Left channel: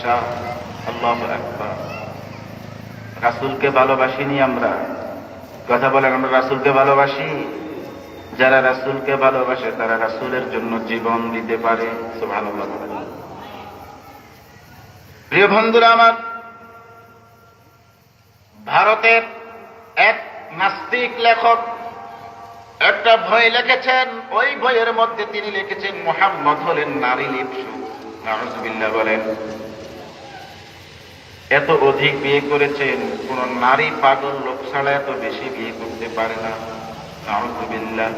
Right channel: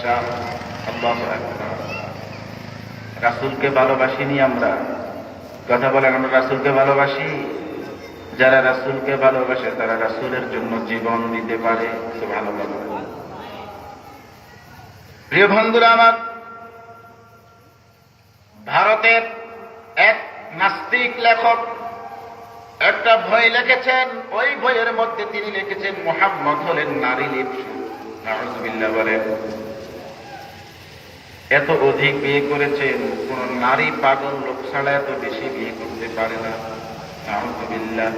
বাদশাহ। আল্লাহু আকবার। রাসূলকে ভালোবাসিনি আমরা? কথা বলেন, আমরা রাসূলকে ভালোবাসি? যারা রাসূলকে ভালোবাসে তারা রাসূলের জন্য জীবন দিতে পারে। সুবহানাল্লাহ। প্রিয় বন্ধুরা আমার, ভারতের এক নাস্তিক লেখক একটা বই লিখেছেন। ওই বইয়ের মধ্যে তিনি লিখেছেন মুহাম্মদ হলেন নারী লিপ্সু। নাউযুবিল্লাহ বলেন। এত অধিক বিয়ে করেছেন, কোন নারী পাগল লোক ছাড়া এত বেশি বিয়ে করতে পারে না। নাউযুবিল্লাহ।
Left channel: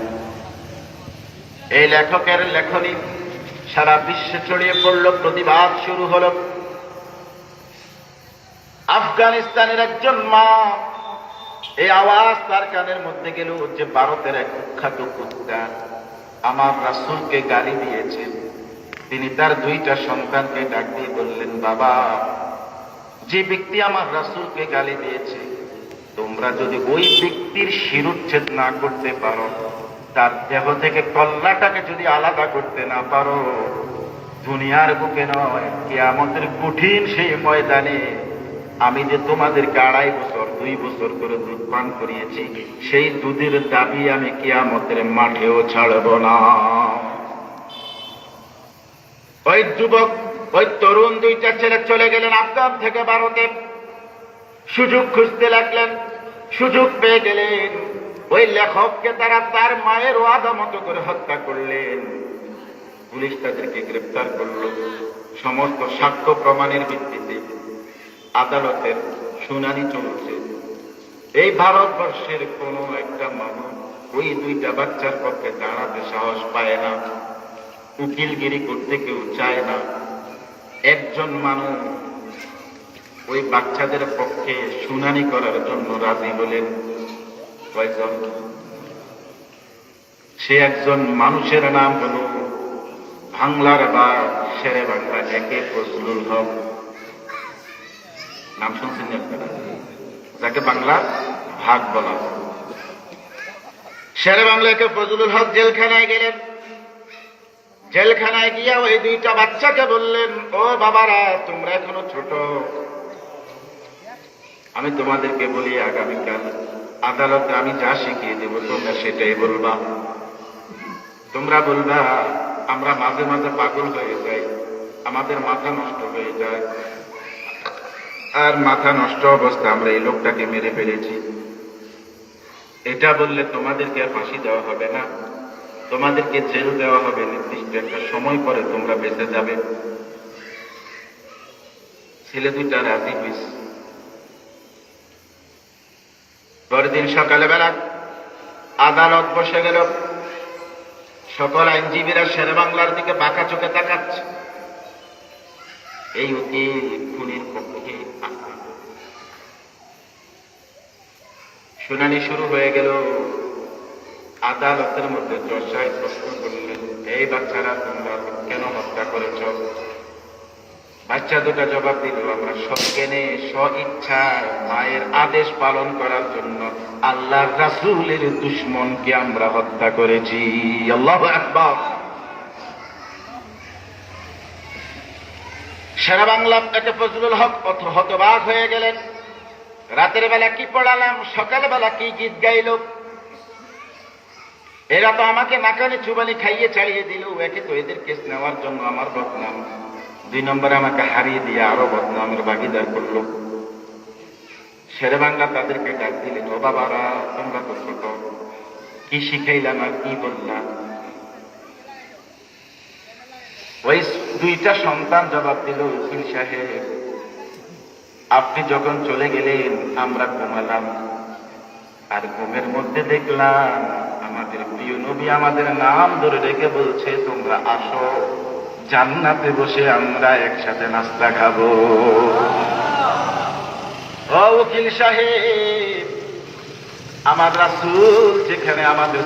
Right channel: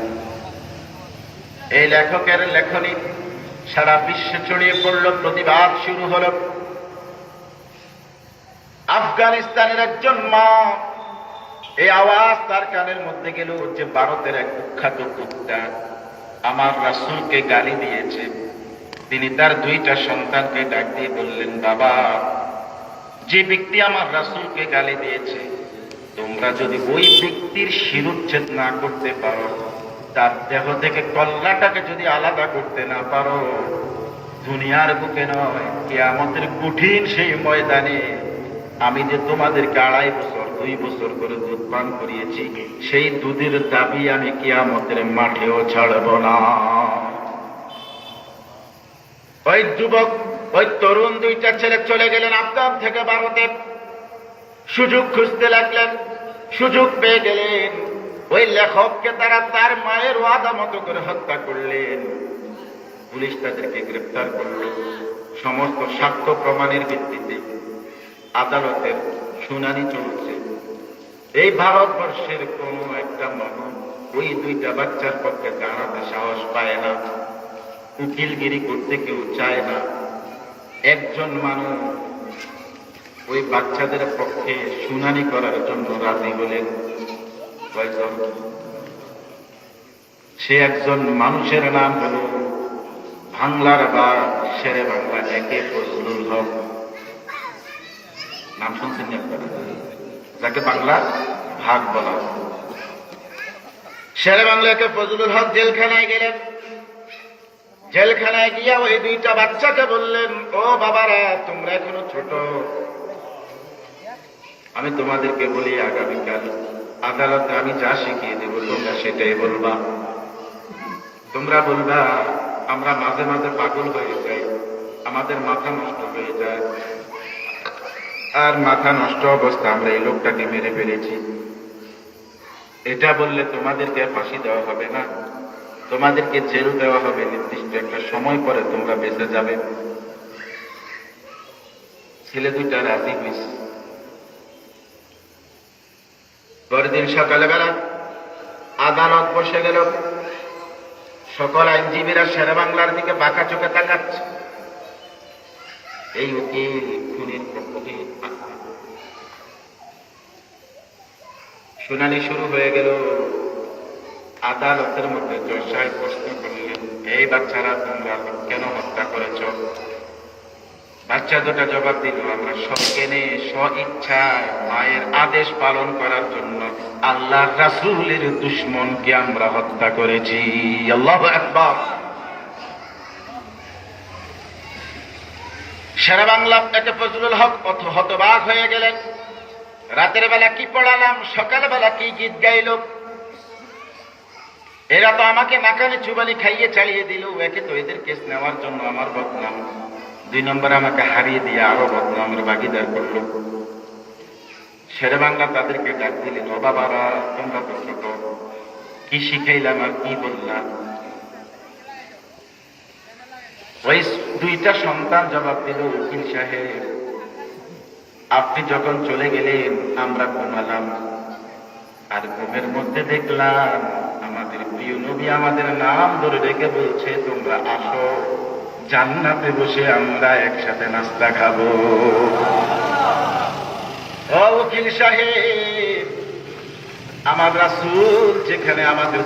এই লেখকের লেখনী সারা বিশ্বে ছড়িয়ে পড়ল, প্রতিবাদ শুরু হল। আফগানিস্তানের একজন মা, এই আওয়াজ তার কানের মধ্যে গেল যে ভারতের এক কুখ্যাত কুত্তা আমার রাসূলকে গালি দিয়েছে। তিনি তার দুইটা সন্তানকে ডাক দিয়ে বললেন, বাবা, যে ব্যক্তি আমার রাসূলকে গালি দিয়েছে, তোমরা যদি ওই ব্যক্তির শিরোচ্ছেদ না করতে পারো, তার দেহ থেকে কল্লাটাকে যদি আলাদা করতে না পারো, দুনিয়ার বুকে নয়, কিয়ামতের কঠিন সেই ময়দানে আমি যে তোমাদেরকে 2.5 বছর 2 বছর করে দুধ পান করিয়েছি, সেই দুধের দাবি আমি কিয়ামতের মাঠেও ছাড়ব না। ওই যুবক, ওই তরুণ দুইটা ছেলে চলে গেলেন আফগান থেকে ভারতে। সুযোগ খুঁজতে লাগলেন, সুযোগ পেয়ে গেলেন। ওই লেখককে তারা তার মায়ের ওয়াদা মতো করে হত্যা করলেন। পুলিশ তাদেরকে গ্রেফতার করল। সমস্ত সাক্ষ্য প্রমাণের ভিত্তিতে আদালতের শুনানি চলছে। এই ভারতবর্ষের কোন একটা মানুষ ওই দুইটা বাচ্চার পক্ষে দাঁড়াতে সাহস পায় না, উকিলগিরি করতে কেউ চায় না। একজন মানুষ ওই বাচ্চাদের পক্ষে শুনানি করার জন্য রাজি বলেন। কয়জন? সে একজন মানুষের নাম হল বাংলার বা শেরে বাংলা একে ফজলুল হক। নাম শুনছেন আপনারা? যাকে বাংলার ভাগ বলা। শেরে বাংলাকে ফজলুল হক জেলখানায় গেলেন। জেলখানায় গিয়া ওই দুইটা বাচ্চাকে বললেন, ও বাবারা, তোমরা এখনো ছোট, আমি তোমাদেরকে বলি, আগামীকাল আদালতে আমি যা শিখিয়ে দেব তোমরা সেটাই বলবা। তোমরা বলবা আমরা মাঝে মাঝে পাগল হয়ে যাই, আমাদের মাথা নষ্ট হয়ে যায়, আর মাথা নষ্ট অবস্থা আমরা এই লোকটাকে মেরে ফেলেছি। এটা বললে তোমাদেরকে ফাঁসি দেওয়া হবে না, তোমাদেরকে জেল দেওয়া হবে, নির্দিষ্ট একটা সময় পরে তোমরা বেঁচে যাবে। ছেলে দুইটা রাজি হয়েছে। পরদিন সকালবেলা আদালত বসে গেল। সকল আইনজীবীরা শেরে বাংলার দিকে বাঁকা চোখে তাকাচ্ছে। এই উকিল খুনির পক্ষে শুনানি শুরু হয়ে গেল। আদালতের মধ্যে দর্শায় প্রশ্ন করলেন, এই বাচ্চারা তোমরা কেন হত্যা করেছ? বাচ্চা দুটা জবাব দিল, আমরা সজ্ঞানে স্ব-ইচ্ছায় মায়ের আদেশ পালন করার জন্য আল্লাহর রাসূলের দুশমনকে আমরা হত্যা করেছি। আল্লাহু আকবার। শেরে বাংলা একে ফজলুল হক হতবাক হয়ে গেলেন। রাতের বেলা কি পড়ালাম, সকালবেলা কি গীত গাইল, এরা তো আমাকে নাকানে চুবানি খাইয়ে চালিয়ে দিল। একে তো এদের কেস নেওয়ার জন্য আমার বদনাম, 2 নম্বরে আমাকে হারিয়ে দিয়ে আরো বদনামের ভাগিদার করল। শেরে বাংলা তাদেরকে ডাক দিলেন, ও বাবারা, তোমরা তো ছোট, কি শিখাইলাম আর কি বললাম? ওই দুইটা সন্তান জবাব দিল, উকিল সাহেব, আপনি যখন চলে গেলেন আমরা ঘুমালাম, আর ঘুমের মধ্যে দেখলাম আমাদের প্রিয় নবী আমাদের নাম ধরে রেখে বলছে, তোমরা আসো, জান্নাতে বসে আমরা একসাথে নাস্তা খাবো। ও উকিল সাহেব, আমার রাসূল যেখানে আমাদের